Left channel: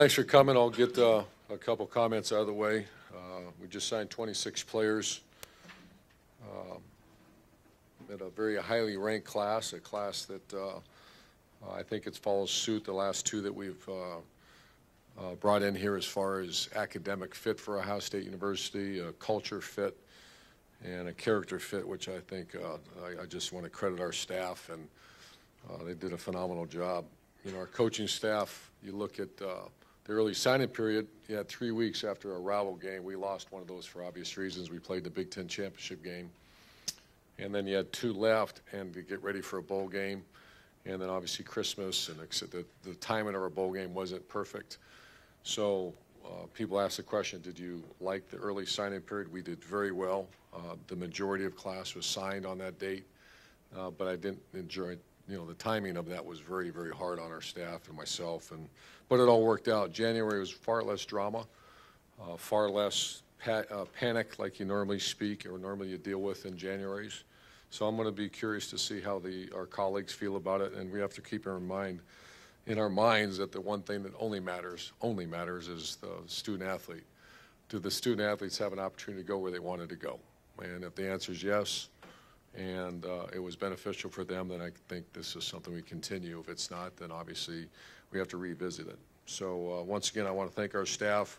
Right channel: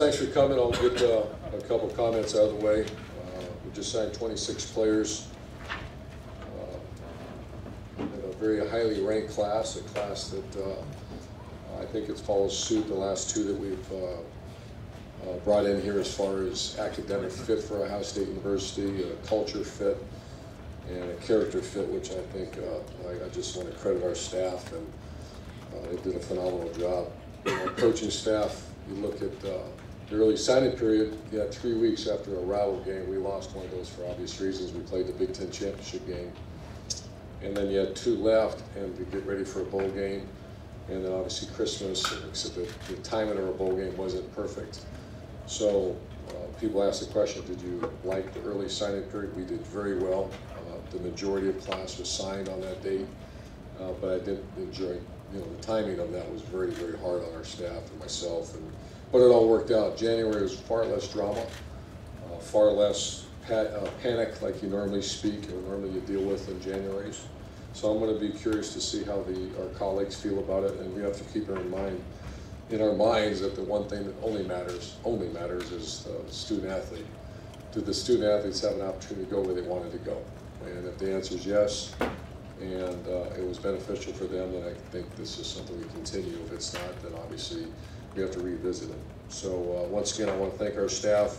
Thanks for coming. I'll get a couple comments out of the way. We just signed 26 players in a very highly ranked class, a class that I think it follows suit the last two that we've brought in here as far as academic fit for Ohio State University, a culture fit, and a character fit, which I think I just want to credit our staff, and they did a phenomenal job. Our coaching staff, you look at the early signing period, you had 3 weeks after a rival game. We lost one of those for obvious reasons. We played the Big Ten championship game. And then you had 2 left, and you get ready for a bowl game. And then obviously Christmas, except the timing of our bowl game wasn't perfect. So people ask the question, did you like the early signing period? We did very well. The majority of class was signed on that date. But I didn't enjoy, the timing of that was very, very hard on our staff and myself. But it all worked out. January was far less drama, far less panic like you normally speak or normally you deal with in Januaries. So I'm going to be curious to see how our colleagues feel about it, and we have to keep in our minds that the one thing that only matters is the student athlete. Do the student athletes have an opportunity to go where they wanted to go? And if the answer is yes, and it was beneficial for them, then I think this is something we continue. If it's not, then obviously we have to revisit it. So once again, I want to thank our staff.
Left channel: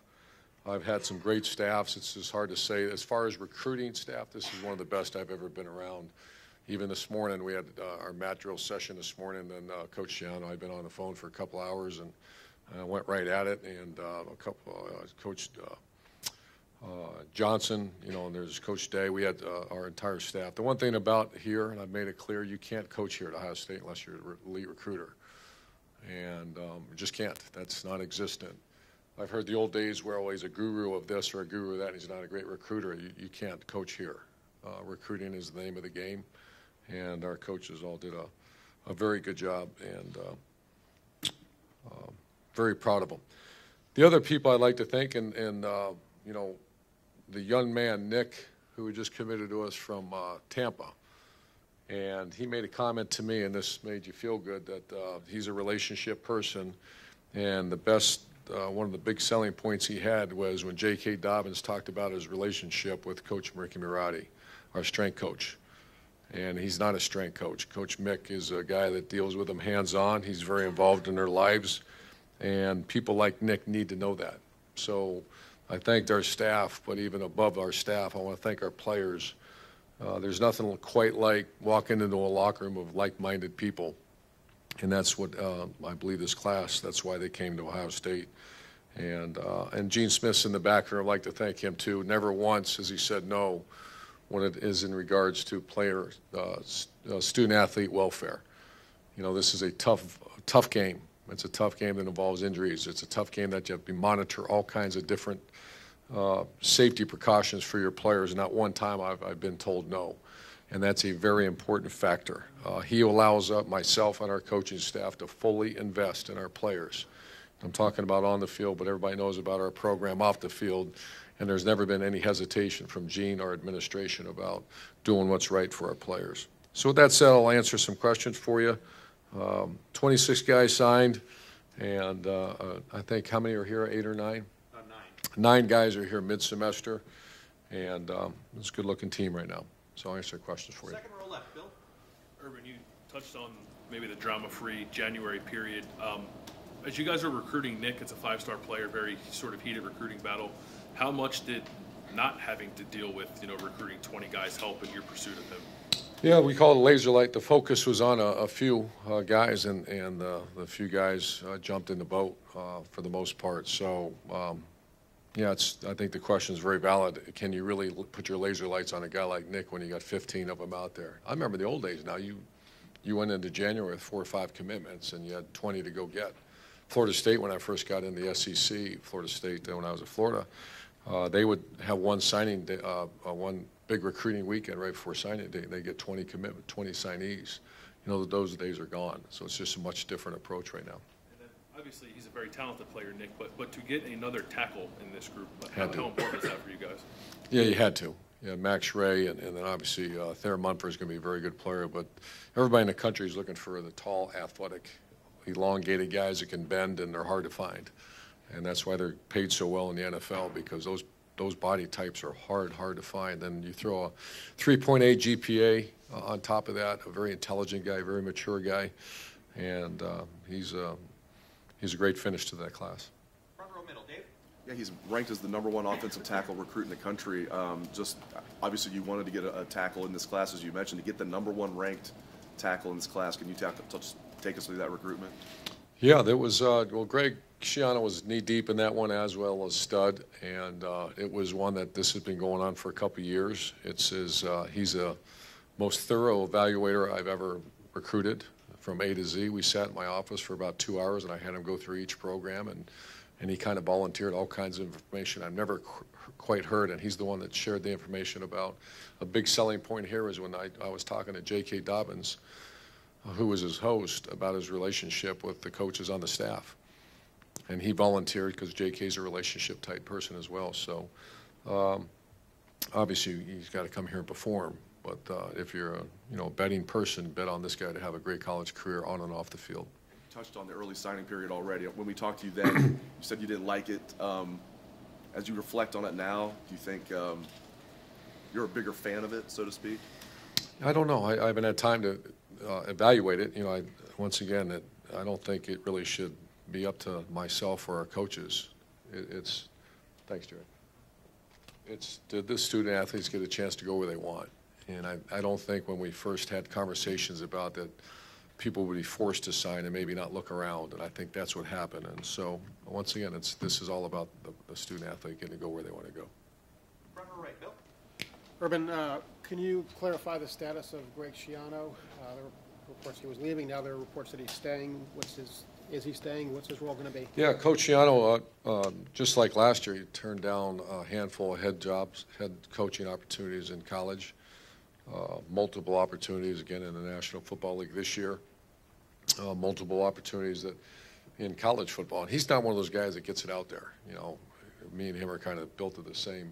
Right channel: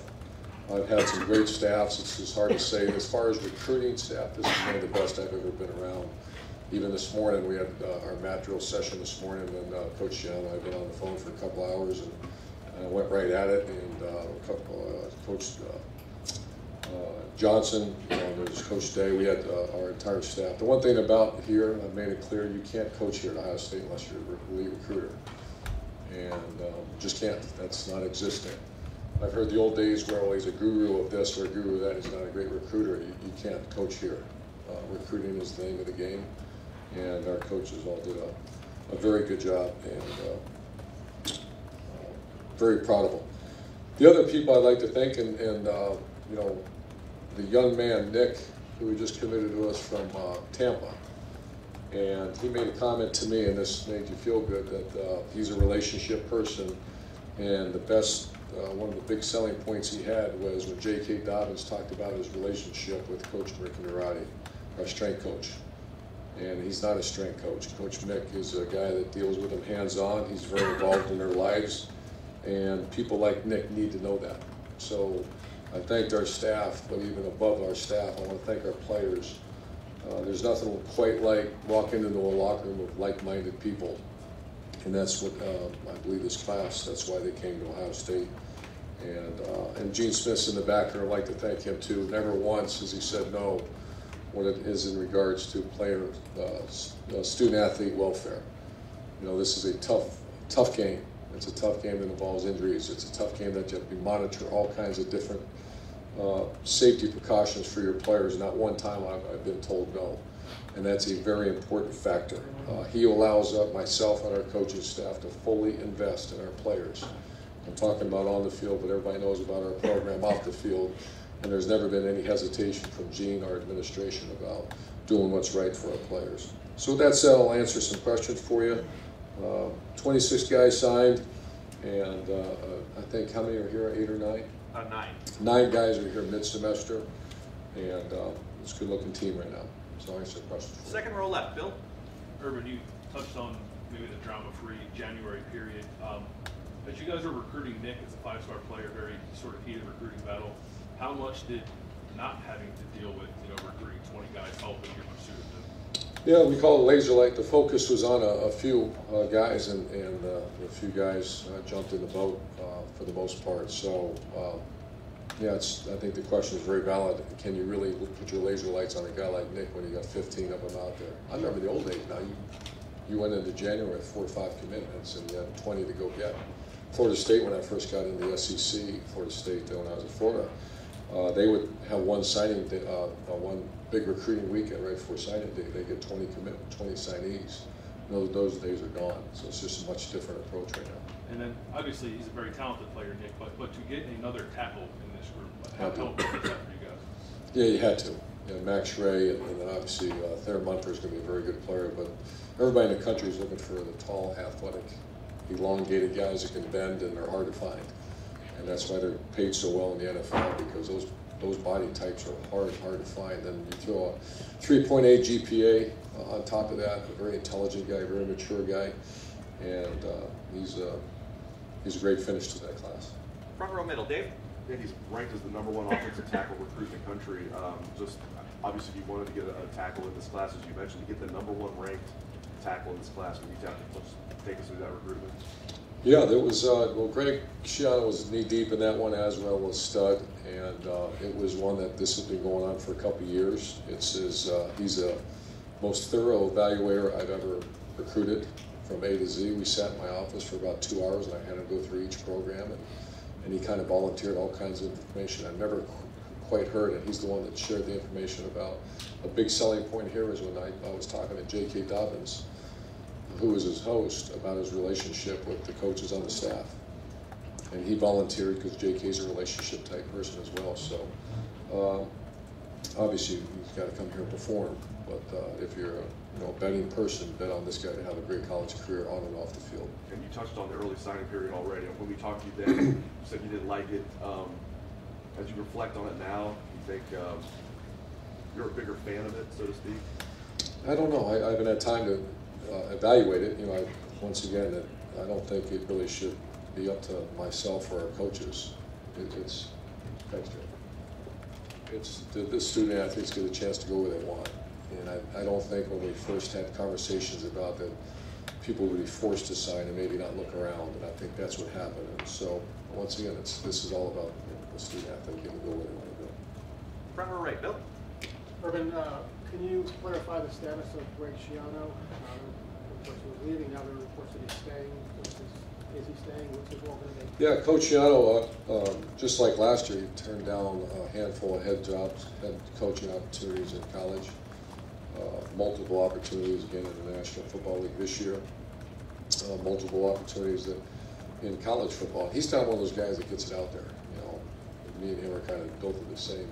I've had some great staffs. This is hard to say. As far as recruiting staff, this is one of the best I've ever been around. Even this morning, we had our mat drill session this morning, and Coach John and I have been on the phone for a couple hours and went right at it. And Coach Johnson, there's Coach Day. We had our entire staff. The one thing about here, and I've made it clear, you can't coach here at Ohio State unless you're a elite recruiter. And just can't. That's not existing. I've heard the old days where, well, he's a guru of this or a guru of that. He's not a great recruiter. You can't coach here. Recruiting is the name of the game, and our coaches all did a very good job, and very proud of them. The other people I'd like to thank, and the young man, Nick, who just committed to us from Tampa. And he made a comment to me, and this made you feel good, that he's a relationship person, and one of the big selling points he had was when J.K. Dobbins talked about his relationship with Coach Mick Murati, our strength coach. And he's not a strength coach. Coach Mick is a guy that deals with them hands-on. He's very involved in their lives, and people like Nick need to know that. So I thanked our staff, but even above our staff, I want to thank our players. There's nothing quite like walking into a locker room of like-minded people, and that's what I believe this class. That's why they came to Ohio State. And Gene Smith's in the back there. I'd like to thank him too. Never once has he said no when it is in regards to student-athlete welfare. This is a tough game. It's a tough game that involves injuries. It's a tough game that you have to monitor all kinds of different safety precautions for your players. Not one time I've been told no, and that's a very important factor. He allows myself and our coaching staff to fully invest in our players. I'm talking about on the field, but everybody knows about our program off the field, and there's never been any hesitation from Gene or administration about doing what's right for our players. So with that said, I'll answer some questions for you. 26 guys signed, and I think how many are here, 8 or 9? 9. 9 guys are here mid-semester, and it's a good-looking team right now. So I'll answer questions for you. Second row left, Bill. Urban, you touched on maybe the drama-free January period. As you guys were recruiting Nick, it's a 5-star player, very sort of heated recruiting battle. How much did not having to deal with recruiting 20 guys help in your pursuit of him? Yeah, we call it laser light. The focus was on a few guys, and the few guys jumped in the boat for the most part. So, yeah, I think the question is very valid. Can you really put your laser lights on a guy like Nick when you got 15 of them out there? I remember the old days. Now you went into January with 4 or 5 commitments, and you had 20 to go get. Florida State, when I first got in the SEC, Florida State, then when I was in Florida, they would have one signing day, one big recruiting weekend right before signing day. They get 20 signees. Those days are gone. So it's just a much different approach right now. And then obviously he's a very talented player, Nick. But to get another tackle in this group, how important is that for you guys? Yeah, you had to. Max Ray, and then obviously Thayer Munford is going to be a very good player. But everybody in the country is looking for the tall, athletic, elongated guys that can bend, and they're hard to find. and that's why they're paid so well in the NFL, because those body types are hard to find. Then you throw a 3.8 GPA on top of that, a very intelligent guy, very mature guy, and he's a great finish to that class. Front row middle, Dave. Yeah, he's ranked as the #1 offensive tackle recruit in the country. Just obviously, you wanted to get a tackle in this class, as you mentioned, to get the #1 ranked tackle in this class. Could you just take us through that recruitment? Yeah, there was, well, Greg Schiano was knee-deep in that one, as well as Stud, and it was one that this has been going on for a couple of years. He's the most thorough evaluator I've ever recruited from A to Z. We sat in my office for about 2 hours, and I had him go through each program, and he kind of volunteered all kinds of information I've never quite heard, and he's the one that shared the information about. A big selling point here is when I was talking to J.K. Dobbins, who was his host, about his relationship with the coaches on the staff. And he volunteered because JK's a relationship type person as well. So obviously he's got to come here and perform. But if you're a betting person, bet on this guy to have a great college career on and off the field. And you touched on the early signing period already. When we talked to you then, you said you didn't like it. As you reflect on it now, do you think you're a bigger fan of it, so to speak? I don't know. I haven't had time to evaluate it. Once again, I don't think it really should be up to myself or our coaches. It's the student athletes get a chance to go where they want, and I don't think when we first had conversations about that, people would be forced to sign and maybe not look around, and I think that's what happened. And so once again, this is all about the student athlete getting to go where they want to go. Front row right, Bill. Urban, can you clarify the status of Ray Schiano? Reports he was leaving, now there are reports that he's staying. Is he staying? What's his role going to be? Yeah, Coach Schiano, just like last year, he turned down a handful of head coaching opportunities in college, multiple opportunities again in the National Football League this year, multiple opportunities in college football. He's not one of those guys that gets it out there. Me and him are kind of built to the same.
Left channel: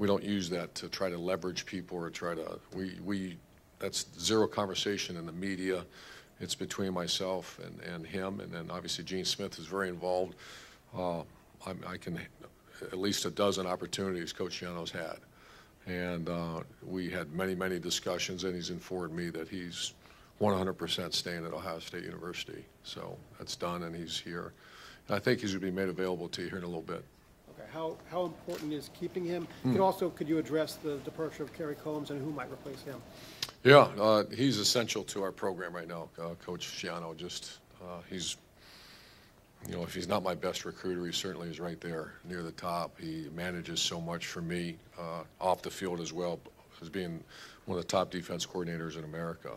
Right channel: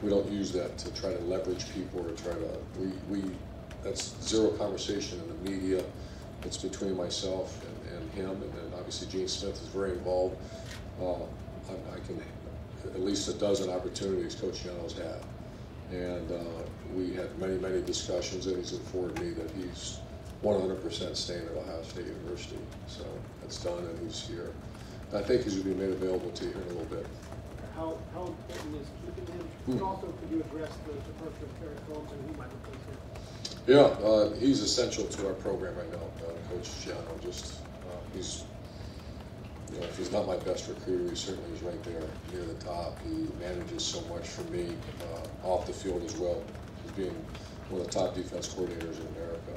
We don't use that to try to leverage people or try to, that's zero conversation in the media. It's between myself and him, and then obviously Gene Smith is very involved. I can, at least a dozen opportunities Coach Schiano's had. And we had many discussions, and he's informed me that he's 100% staying at Ohio State University. So that's done, and he's here. And I think he's going to be made available to you here in a little bit. How important is keeping him? And also, could you address the departure of Kerry Combs and who might replace him? Yeah, he's essential to our program right now, Coach Schiano. He's, if he's not my best recruiter, he certainly is right there near the top. He manages so much for me off the field as well, as being one of the top defense coordinators in America.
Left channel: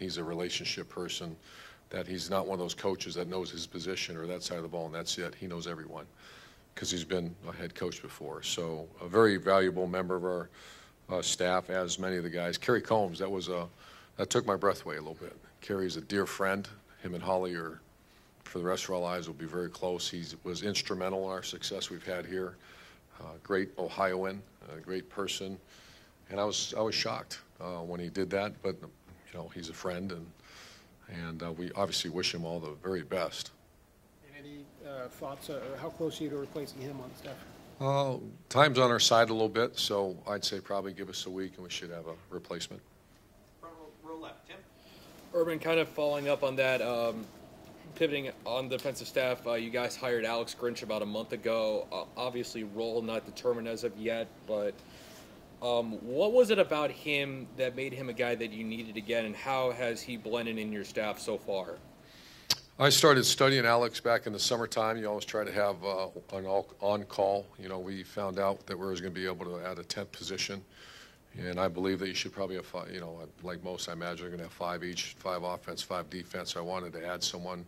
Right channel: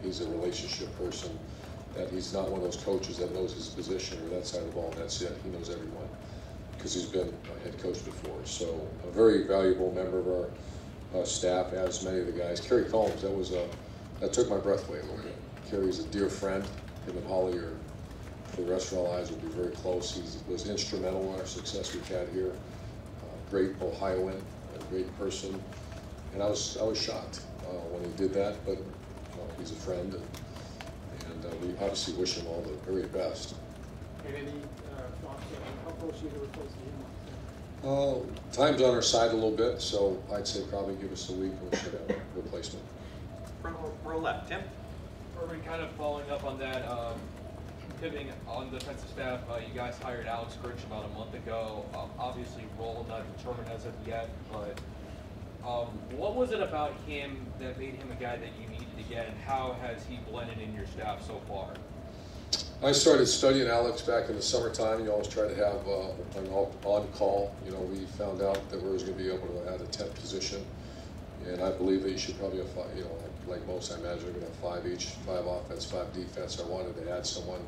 He's a relationship person. That he's not one of those coaches that knows his position or that side of the ball, and that's it. He knows everyone, because he's been a head coach before. So a very valuable member of our staff, as many of the guys. Kerry Combs, that took my breath away a little bit. Kerry's a dear friend. Him and Holly are, for the rest of our lives, will be very close. He was instrumental in our success we've had here. Great Ohioan, a great person. And I was shocked when he did that, but he's a friend, and we obviously wish him all the very best. Any thoughts? How close are you to replacing him on staff? Time's on our side a little bit, so I'd say probably give us a week and we should have a replacement. Front row left, Tim. Urban, kind of following up on that, pivoting on the defensive staff, you guys hired Alex Grinch about a month ago. Obviously, role not determined as of yet, but what was it about him that made him a guy that you needed to get, and how has he blended in your staff so far? I started studying Alex back in the summertime. You always try to have an on-call. We found out that we was going to be able to add a 10th position, and I believe that you should probably have like most, I imagine, you're going to have 5 each, 5 offense, 5 defense. I wanted to add someone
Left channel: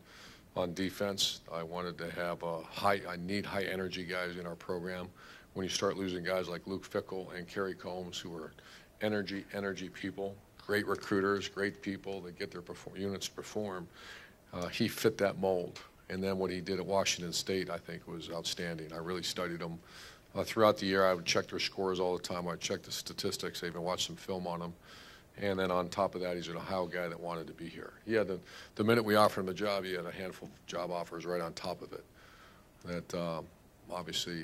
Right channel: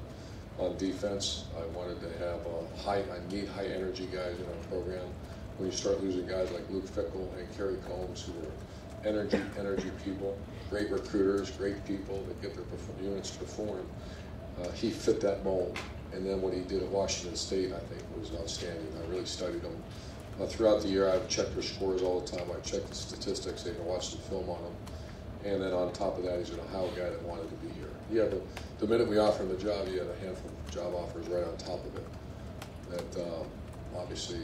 on defense. I wanted to have I need high energy guys in our program. When you start losing guys like Luke Fickle and Kerry Combs, who are energy people, great recruiters, great people that get their units perform, he fit that mold. And then what he did at Washington State, I think, was outstanding. I really studied him. Throughout the year, I would check their scores all the time. I'd check the statistics. They've been watching film on them. And then on top of that, he's an Ohio guy that wanted to be here. Yeah, the minute we offered him a job, he had a handful of job offers right on top of it. that obviously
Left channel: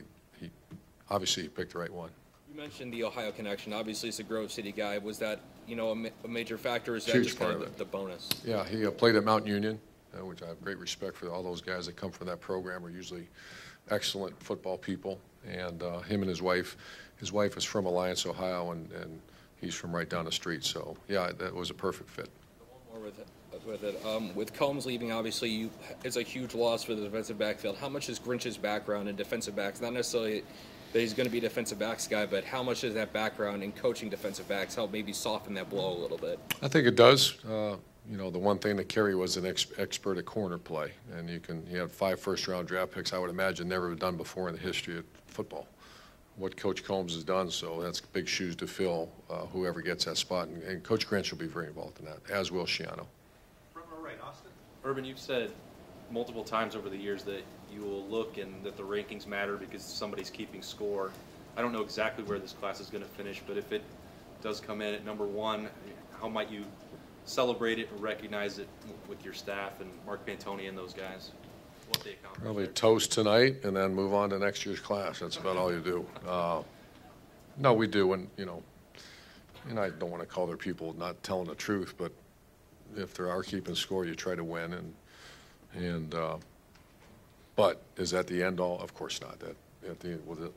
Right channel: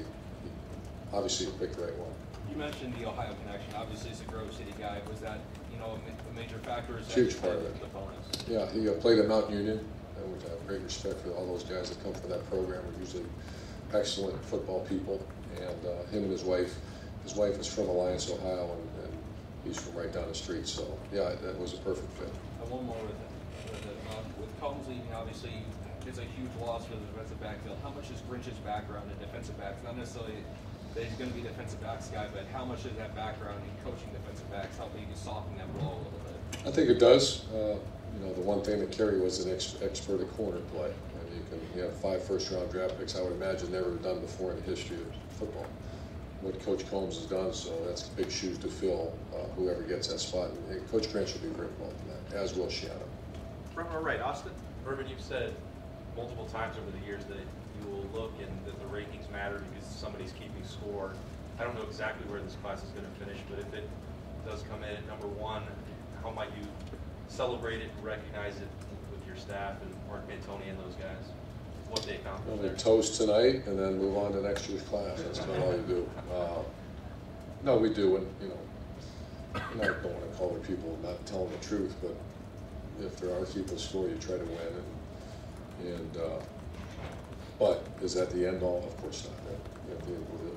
he picked the right one. You mentioned the Ohio connection. Obviously, he's a Grove City guy. Was that, you know, a major factor? Or is that Huge just part kind of of the bonus? Yeah, he played at Mountain Union, which I have great respect for. All those guys that come from that program are usually excellent football people. And him and his wife is from Alliance, Ohio, and he's from right down the street. So yeah, that was a perfect fit. One more with it. With Combs leaving, obviously, it's a huge loss for the defensive backfield. How much is Grinch's background in defensive backs? Not necessarily that he's going to be a defensive backs guy, but how much does that background in coaching defensive backs help maybe soften that blow a little bit? I think it does. You know, the one thing that Kerry was an expert at corner play, and you have 5 first-round draft picks. I would imagine never done before in the history of football. What Coach Combs has done, so that's big shoes to fill. Whoever gets that spot, and Coach Grinch will be very involved in that, as will Shiano. Front row right, Austin. Urban, you've said multiple times over the years that you will look and that the rankings matter because somebody's keeping score. I don't know exactly where this class is going to finish, but if it does come in at number 1, how might you celebrate it and recognize it with your staff and Mark Bantoni and those guys? What they accomplished Really there. toast tonight and then move on to next year's class. That's about all you do. No, we do, and you know, and I don't want to call their people not telling the truth, but if they are keeping score, you try to win. But is that the end all? Of course not.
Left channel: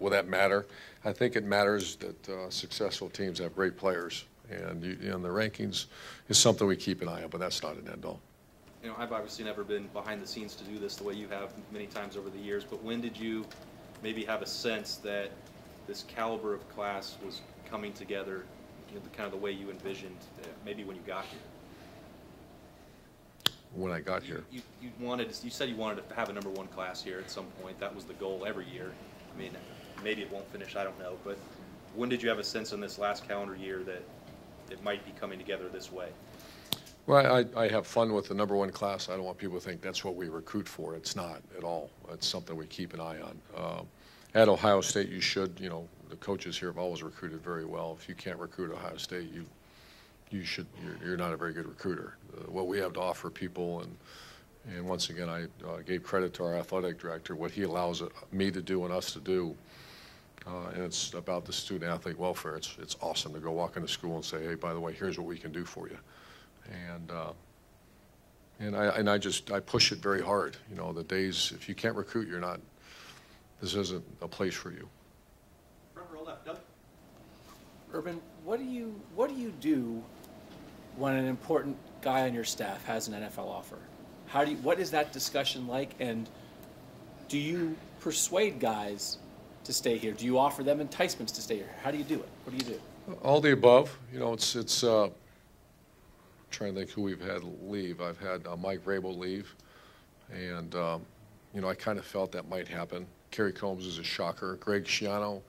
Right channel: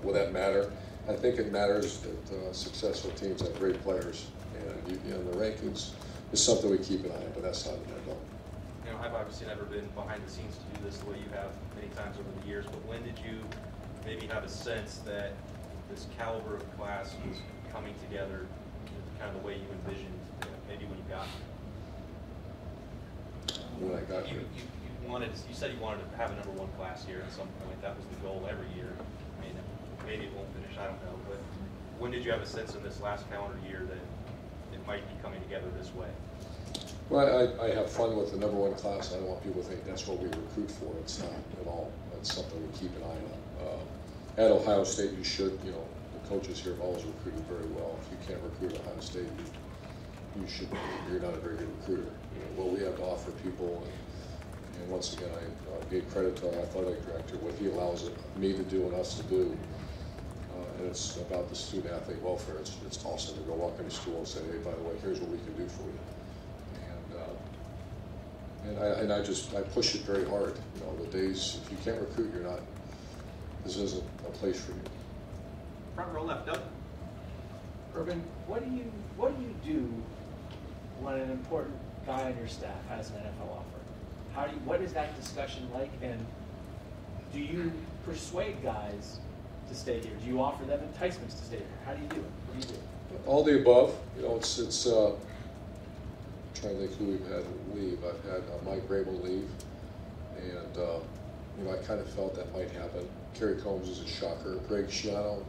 Will that matter? I think it matters that successful teams have great players, and the rankings is something we keep an eye on, but that's not an end all. You know, I've obviously never been behind the scenes to do this the way you have many times over the years, but when did you maybe have a sense that this caliber of class was coming together in kind of the way you envisioned, maybe when you got here? When I got here, You said you wanted to have a number 1 class here at some point. That was the goal every year. I mean, maybe it won't finish, I don't know, but when did you have a sense in this last calendar year that it might be coming together this way? well, I have fun with the number 1 class. I don't want people to think that's what we recruit for. It's not at all. It's something we keep an eye on. At Ohio State, you should, you know, the coaches here have always recruited very well. If you can't recruit Ohio State, you're not a very good recruiter. What we have to offer people, and once again, I gave credit to our athletic director, what he allows me to do and us to do, and it's about the student athlete welfare. It's awesome to go walk into school and say, hey, by the way, here's what we can do for you. And I push it very hard. You know, the days, if you can't recruit, this isn't a place for you. Front row left, Doug. Urban, what do you do when an important guy on your staff has an NFL offer? What is that discussion like, and do you persuade guys to stay here? Do you offer them enticements to stay here? How do you do it? What do you do? All the above. You know, it's trying to think who we've had leave. I've had Mike Rabel leave, and you know, I kind of felt that might happen. Kerry Combs is a shocker. Greg Schiano,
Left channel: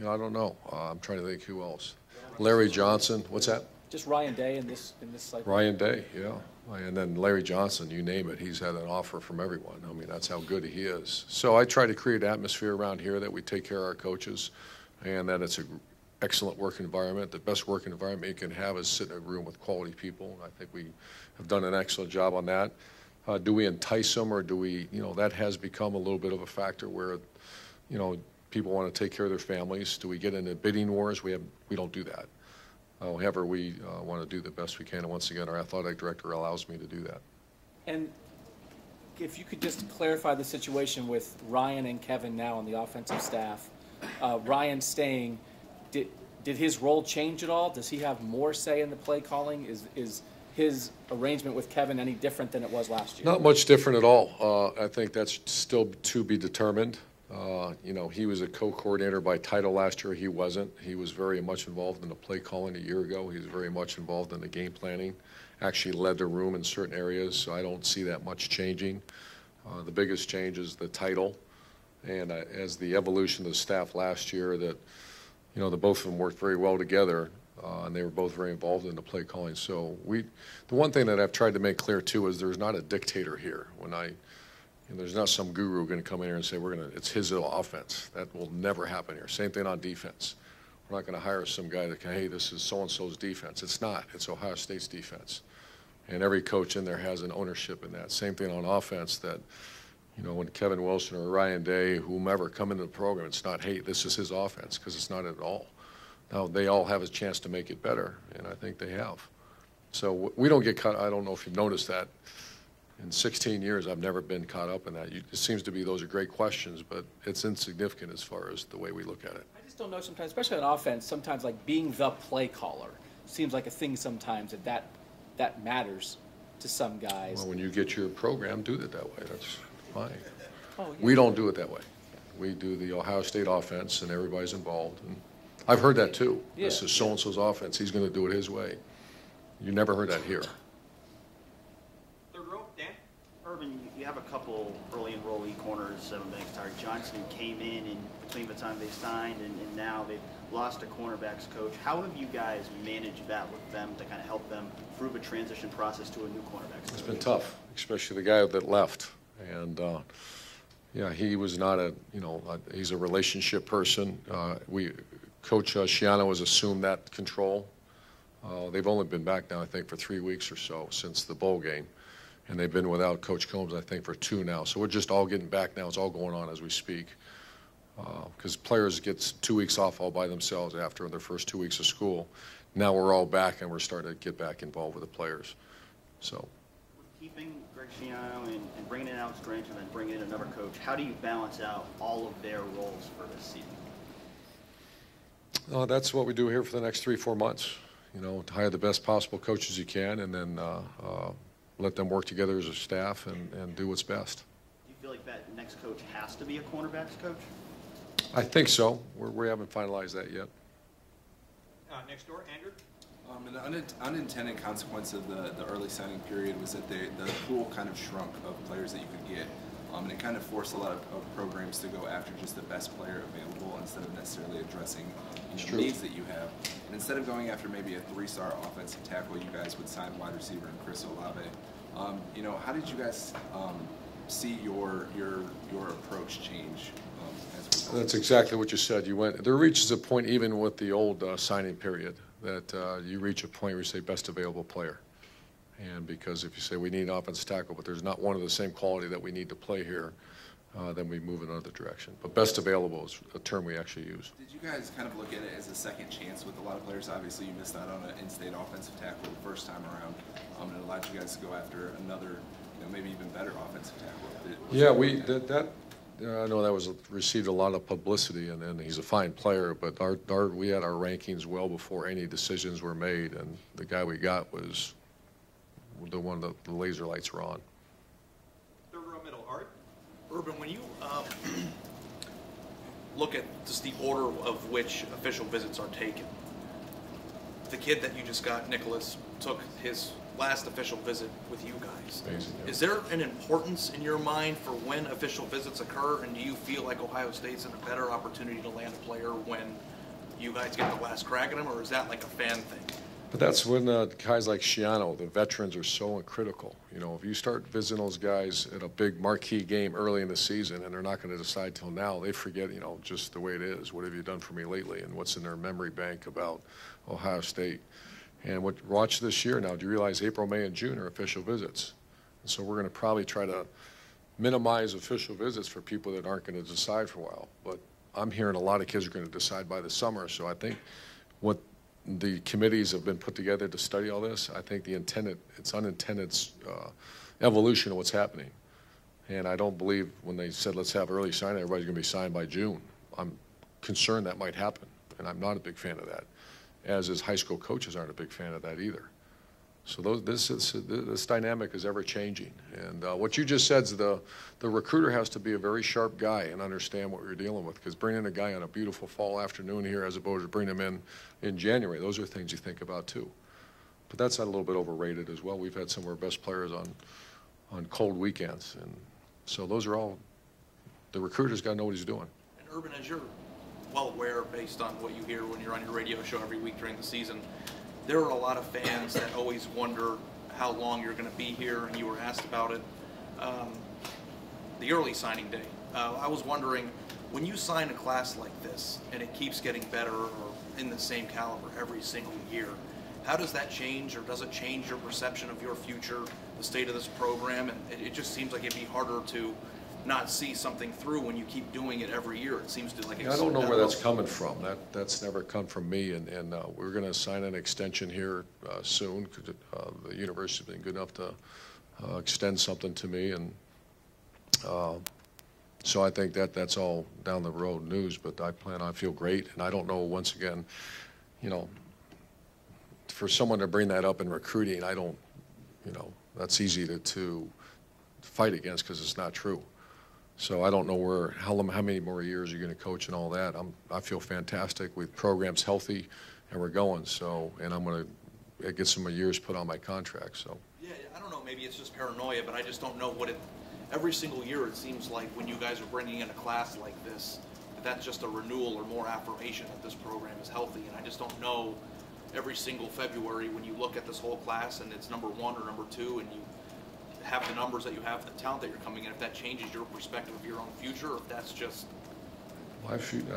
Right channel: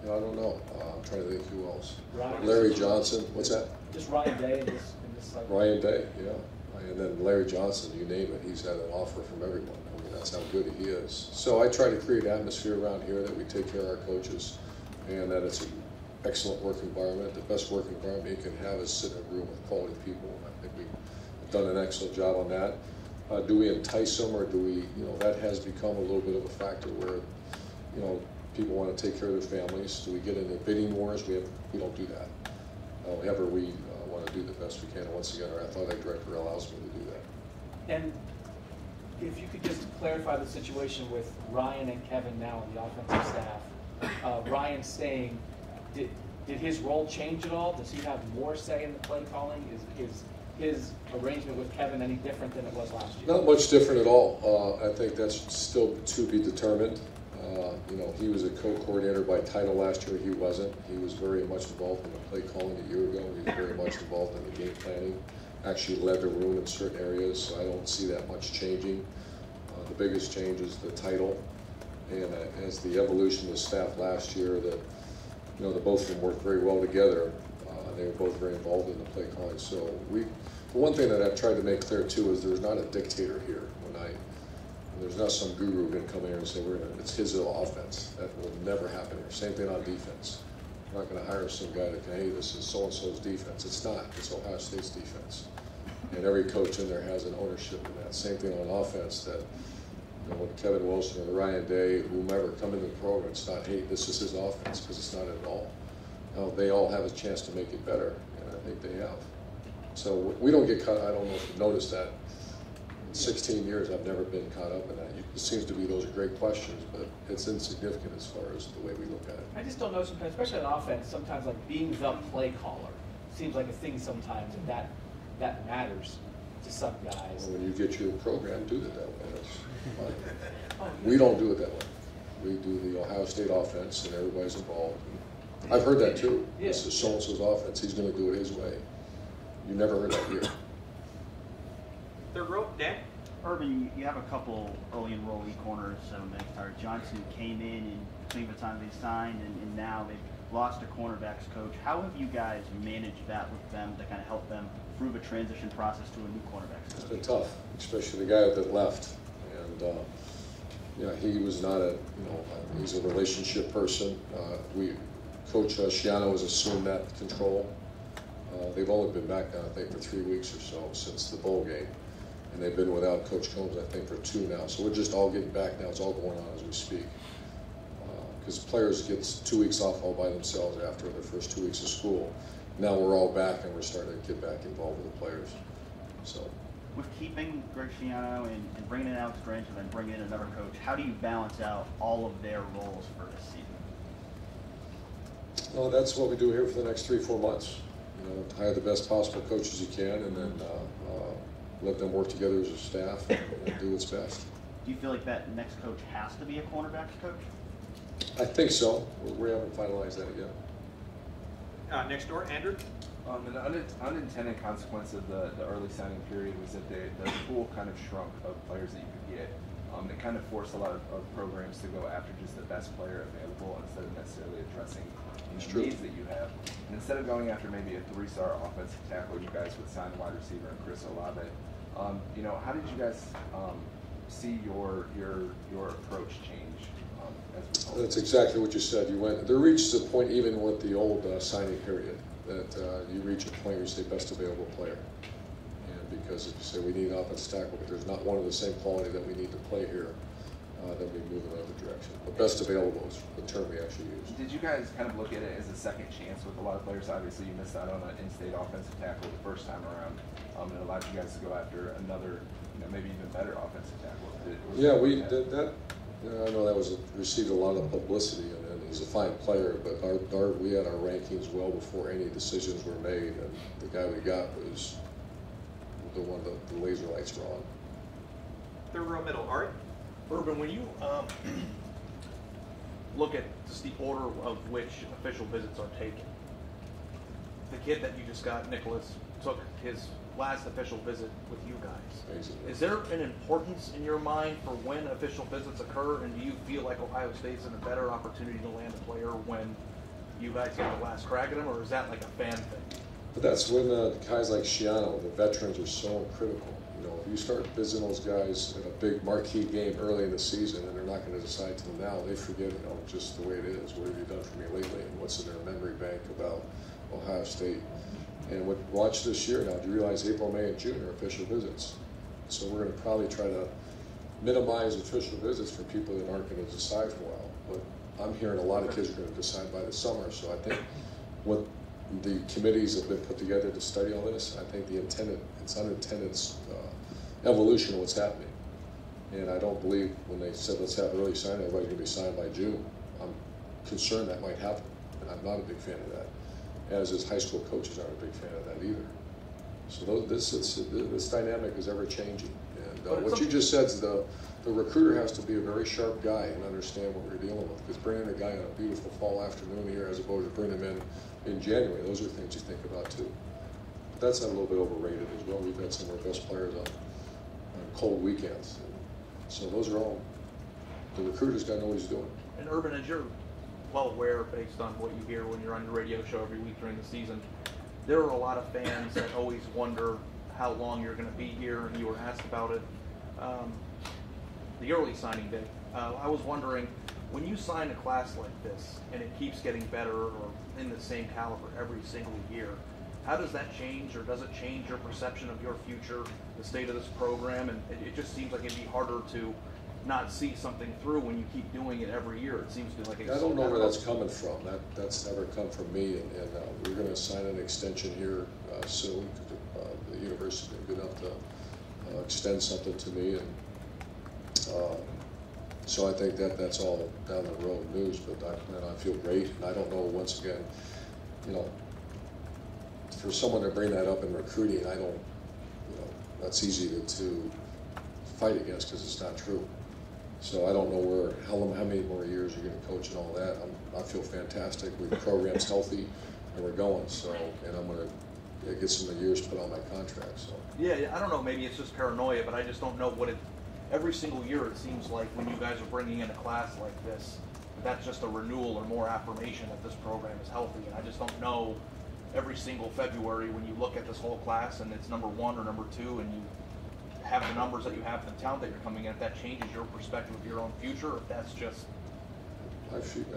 you know, I don't know. I'm trying to think who else. Larry Johnson. What's that? Just Ryan Day in this cycle. Ryan Day, yeah. And then Larry Johnson, you name it. He's had an offer from everyone. I mean, that's how good he is. So I try to create an atmosphere around here that we take care of our coaches, and that it's an excellent work environment. The best work environment you can have is sit in a room with quality people. I think we have done an excellent job on that. Do we entice them, or do we, you know, that has become a little bit of a factor where, you know, people want to take care of their families. Do we get into bidding wars? We don't do that. However, we want to do the best we can, and once again, our athletic director allows me to do that. And if you could just clarify the situation with Ryan and Kevin now on the offensive staff. Ryan staying, did his role change at all? Does he have more say in the play calling? Is his arrangement with Kevin any different than it was last year? Not much different at all. I think that's still to be determined. You know, he was a co-coordinator by title last year. He wasn't. He was very much involved in the play calling a year ago. He was very much involved in the game planning. Actually led the room in certain areas, so I don't see that much changing. The biggest change is the title, and as the evolution of the staff last year, that, you know, the both of them worked very well together, and they were both very involved in the play calling. So the one thing that I've tried to make clear too is there's not a dictator here. There's not some guru going to come in here and say it's his little offense. That will never happen here. Same thing on defense. We're not going to hire some guy that can, hey, this is so-and-so's defense. It's not. It's Ohio State's defense. And every coach in there has an ownership in that. Same thing on offense, that, You know, when Kevin Wilson or Ryan Day, whomever, come into the program, it's not, hey, this is his offense, because it's not at all. Now, they all have a chance to make it better, and I think they have. So we don't get caught, I don't know if you've noticed that. In 16 years, I've never been caught up in that. It seems to be those are great questions, but it's insignificant as far as the way we look at it. I just don't know sometimes, especially on offense, sometimes like being the play caller seems like a thing sometimes that matters to some guys. Well, when you get your program, do it that way. That's fine. Oh, We don't do it that way. We do the Ohio State offense, and everybody's involved. And I've heard that too. This Yeah. is so-and-so's offense. He's going to do it his way. You never heard that here. Third row, Dan. Urban, you have a couple early enrollee corners, Seven Banks Tire. Johnson came in and between the time they signed and now they've lost a cornerbacks coach. How have you guys managed that with them to kind of help them through the transition process to a new cornerbacks coach? It's been tough, especially the guy that left. And yeah, he was not a, you know, he's a relationship person. Coach Schiano has assumed that control. They've only been back now, I think, for 3 weeks or so since the bowl game. And they've been without Coach Combs, I think, for 2 now. So we're just all getting back now. It's all going on as we speak. Because players get 2 weeks off all by themselves after their first 2 weeks of school. Now we're all back and we're starting to get back involved with the players. So. With keeping Greg Schiano and bringing in Alex Grinch and then bringing in another coach, how do you balance out all of their roles for this season? That's what we do here for the next 3-4 months. You know, hire the best possible coaches you can, and then let them work together as a staff and do what's best. Do you feel like that next coach has to be a cornerbacks coach? I think so. We haven't finalized that yet. Next door, Andrew. An unintended consequence of the early signing period was that the pool kind of shrunk of players that you could get. And it kind of forced a lot of programs to go after just the best player available instead of necessarily addressing needs that you have. And instead of going after maybe a 3-star offensive tackle, you guys would sign wide receiver and Chris Olave. You know, how did you guys see your approach change? That's exactly what you said. There reaches a point even with the old signing period that you reach a point where you say best available player. And because if you say we need an offensive tackle, but there's not one of the same quality that we need to play here, then we move in another direction. But best available is the term we actually use. Did you guys kind of look at it as a second chance with a lot of players? Obviously, you missed out on an in-state offensive tackle the first time around. It allowed you guys to go after another, maybe even better offensive tackle. Yeah, we did that. I know that received a lot of publicity, and then he's a fine player. But we had our rankings well before any decisions were made, and the guy we got was the one that the laser lights were on. Third row, middle, Art. Urban, when you look at just the order of which official visits are taken, the kid that you just got, Nicholas, took his last official visit with you guys. Amazing, yeah. Is there an importance in your mind for when official visits occur, and do you feel like Ohio State's in a better opportunity to land a player when you guys get the last crack at him, or is that like a fan thing? But that's when guys like Schiano, the veterans, are so critical. You know, if you start visiting those guys in a big marquee game early in the season and they're not going to decide till now, they forget, just the way it is. What have you done for me lately, and what's in their memory bank about Ohio State? And watch this year now. Do you realize April, May, and June are official visits? So we're going to probably try to minimize official visits for people that aren't going to decide for a while. But I'm hearing a lot of kids are going to decide by the summer. So I think what the committees have been put together to study all this, I think it's unintended evolution of what's happening. And I don't believe when they said let's have early signing, everybody's going to be signed by June. I'm concerned that might happen, and I'm not a big fan of that. As is high school coaches aren't a big fan of that either. So this dynamic is ever changing. And what you just said is the recruiter has to be a very sharp guy and understand what you're dealing with. Because bringing a guy on a beautiful fall afternoon here as opposed to bringing him in January, those are things you think about too. But that's a little bit overrated as well. We've had some of our best players on cold weekends. And so those are all, the recruiter's got to know what he's doing. And Urban, as you're well aware, based on what you hear when you're on your radio show every week during the season, there are a lot of fans that always wonder how long you're going to be here, and you were asked about it. The early signing day, I was wondering, when you sign a class like this and it keeps getting better or in the same caliber every single year, how does that change, or does it change your perception of your future, the state of this program? And it just seems like it'd be harder to not see something through when you keep doing it every year? It seems to like. I don't know where that's coming from. That's never come from me, and we're going to sign an extension here soon. The university's been good enough to extend something to me, and so I think that's all down the road news. But I feel great, and I don't know. Once again, you know, for someone to bring that up in recruiting, I don't, you know, that's easy to fight against because it's not true. So I don't know how many more years you're going to coach and all that. I feel fantastic. The program's healthy, and we're going. So, and I'm going to get some more years put on my contract. So. Yeah, I don't know. Maybe it's just paranoia, but I just don't know what it. Every single year, it seems like when you guys are bringing in a class like this, that's just a renewal or more affirmation that this program is healthy. And I just don't know. Every single February, when you look at this whole class and it's number 1 or number 2, and you have the numbers that you have, the talent that you're coming in, if that changes your perspective of your own future, or if that's just. I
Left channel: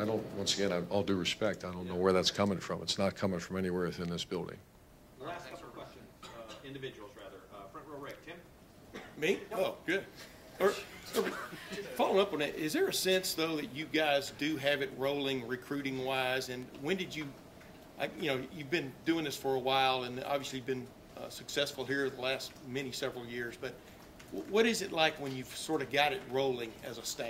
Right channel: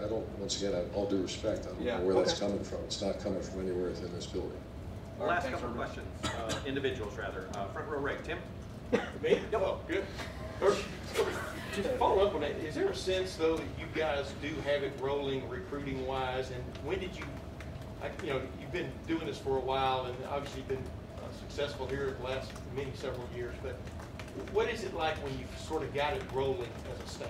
don't. Once again, all due respect, I don't know where that's coming from. It's not coming from anywhere within this building. Last couple of questions, individuals rather. Front row right, Tim. Me? Oh, good. Just following up on that, is there a sense though that you guys do have it rolling recruiting wise, and when did you? You know, you've been doing this for a while, and obviously been successful here the last several years. But what is it like when you've sort of got it rolling as a staff?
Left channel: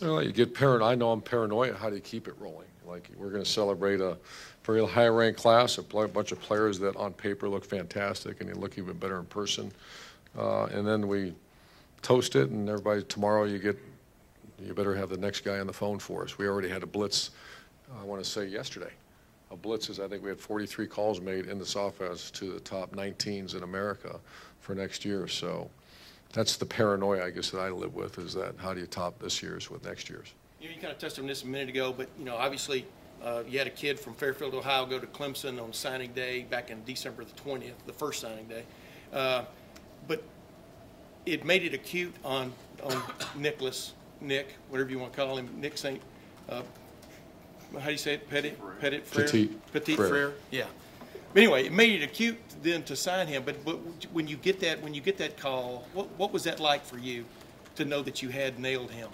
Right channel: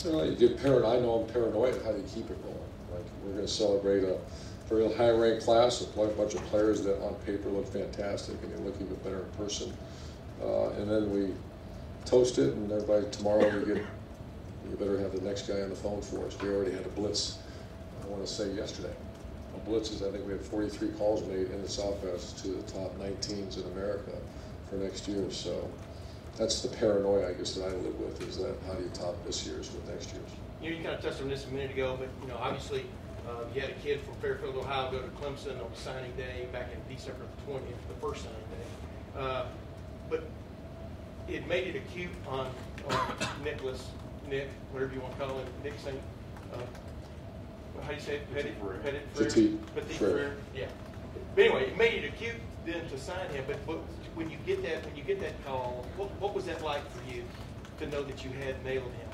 Well, you get paranoid. I know I'm paranoid. How do you keep it rolling? Like, we're going to celebrate a very high-ranked class, a bunch of players that on paper look fantastic, and they look even better in person. And then we toast it, and everybody tomorrow you better have the next guy on the phone for us. We already had a blitz. I want to say yesterday. Blitzes, I think we had 43 calls made in this office to the top 19s in America for next year. So that's the paranoia, I guess, that I live with, is that how do you top this year's with next year's? You know, you kind of touched on this a minute ago, but you know, obviously, you had a kid from Fairfield, Ohio, go to Clemson on signing day back in December the 20th, the first signing day. But it made it acute on Nick, whatever you want to call him, Nick St. How do you say it? Petit Frere. Yeah. But anyway, it made it acute then to sign him. But when you get that call, what was that like for you to know that you had nailed him?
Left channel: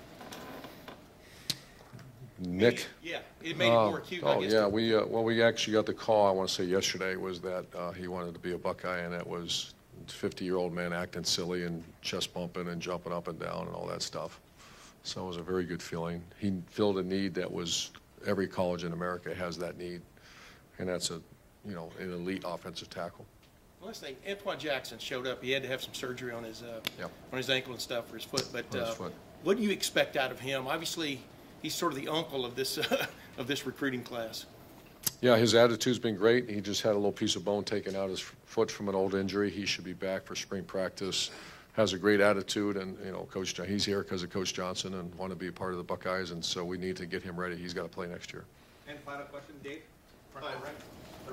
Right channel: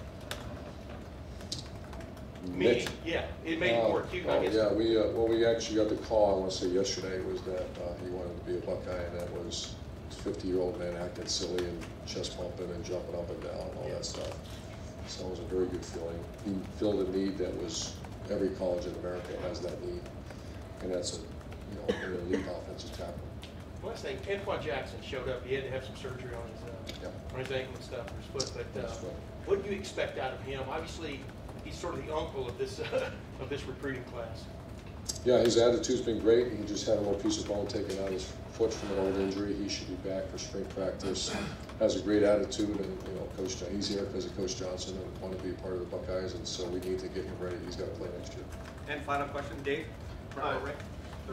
Nick. Yeah, it made it more acute. I guess. Yeah. We actually got the call. I want to say yesterday was that he wanted to be a Buckeye, and that was a 50-year-old man acting silly and chest bumping and jumping up and down and all that stuff. So it was a very good feeling. He filled a need that was. Every college in America has that need, and that's an elite offensive tackle. Last thing, Antoine Jackson showed up. He had to have some surgery on his ankle and stuff, or his foot. But what do you expect out of him? Obviously, he's sort of the uncle of this of this recruiting class. Yeah, his attitude's been great. He just had a little piece of bone taken out his foot from an old injury. He should be back for spring practice. Has a great attitude, and he's here because of Coach Johnson and want to be a part of the Buckeyes, and so we need to get him ready. He's got to play next year. And final question, Dave.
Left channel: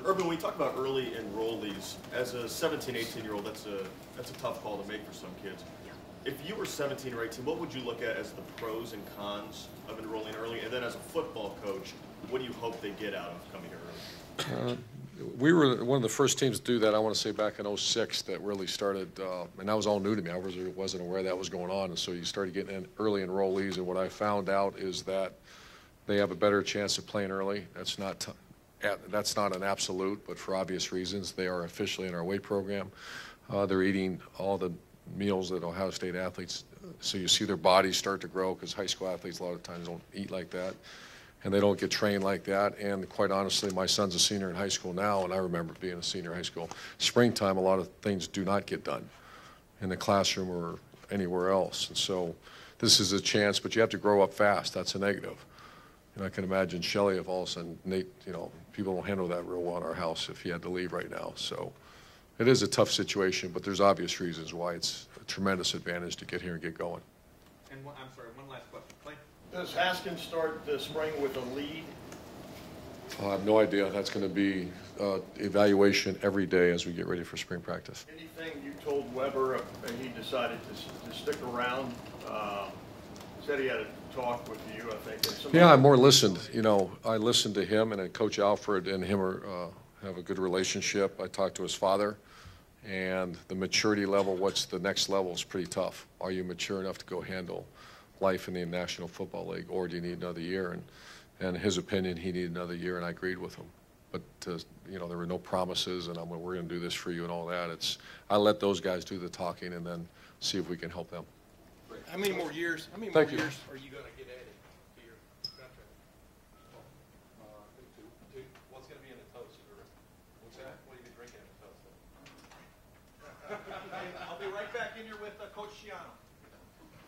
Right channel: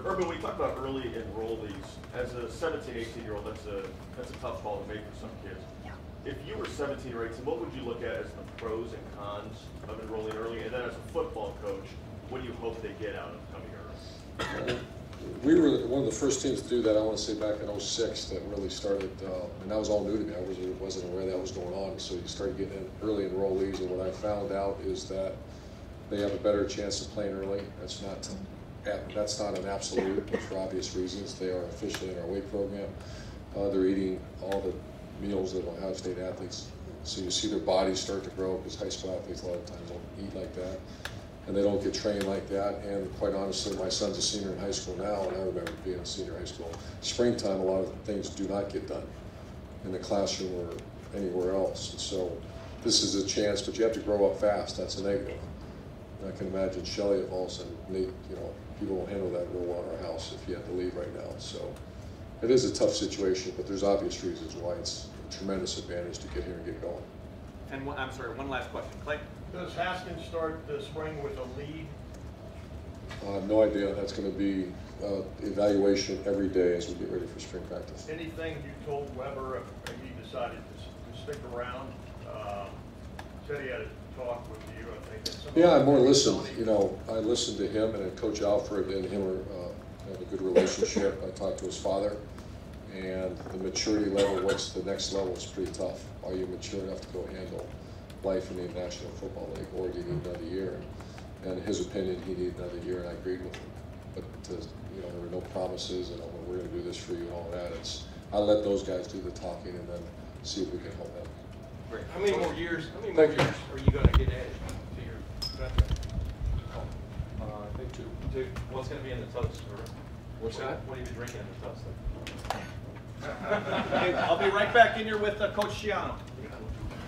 Urban, we talked about early enrollees. As a 17, 18-year-old, that's a tough call to make for some kids. If you were 17 or 18, what would you look at as the pros and cons of enrolling early? And then as a football coach, what do you hope they get out of coming early? We were one of the first teams to do that, I want to say back in '06, that really started, and that was all new to me. I wasn't aware that was going on. And so you started getting in early enrollees, and what I found out is that they have a better chance of playing early. That's not an absolute, but for obvious reasons. They are officially in our weight program. They're eating all the meals that Ohio State athletes, so you see their bodies start to grow, because high school athletes a lot of times don't eat like that. And they don't get trained like that. And quite honestly, my son's a senior in high school now, and I remember being a senior in high school. Springtime, a lot of things do not get done in the classroom or anywhere else. And so this is a chance, but you have to grow up fast. That's a negative. And I can imagine Shelley, if all of a sudden, Nate, people don't handle that real well in our house if he had to leave right now. So it is a tough situation, but there's obvious reasons why it's a tremendous advantage to get here and get going. And I'm sorry, one last question. Clay? Does Haskins start the spring with a lead? I have no idea. That's going to be evaluation every day as we get ready for spring practice. Anything you told Weber and he decided to stick around? Said he had a talk with you, I think. Yeah, I more listened. I listened to him, and then Coach Alfred and him have a good relationship. I talked to his father, and the maturity level, what's the next level, is pretty tough. Are you mature enough to go handle life in the National Football League, or do you need another year? And his opinion, he needed another year, and I agreed with him. But you know, there were no promises, and we're going to do this for you and all that. I let those guys do the talking, and then see if we can help them. How many more years? How many Thank more you. years are you going to get added to your contract? I think 2. Dude, what's going to be in the toast? What's that? What are you drinking in the toast? Okay, I'll be right back in here with Coach Schiano.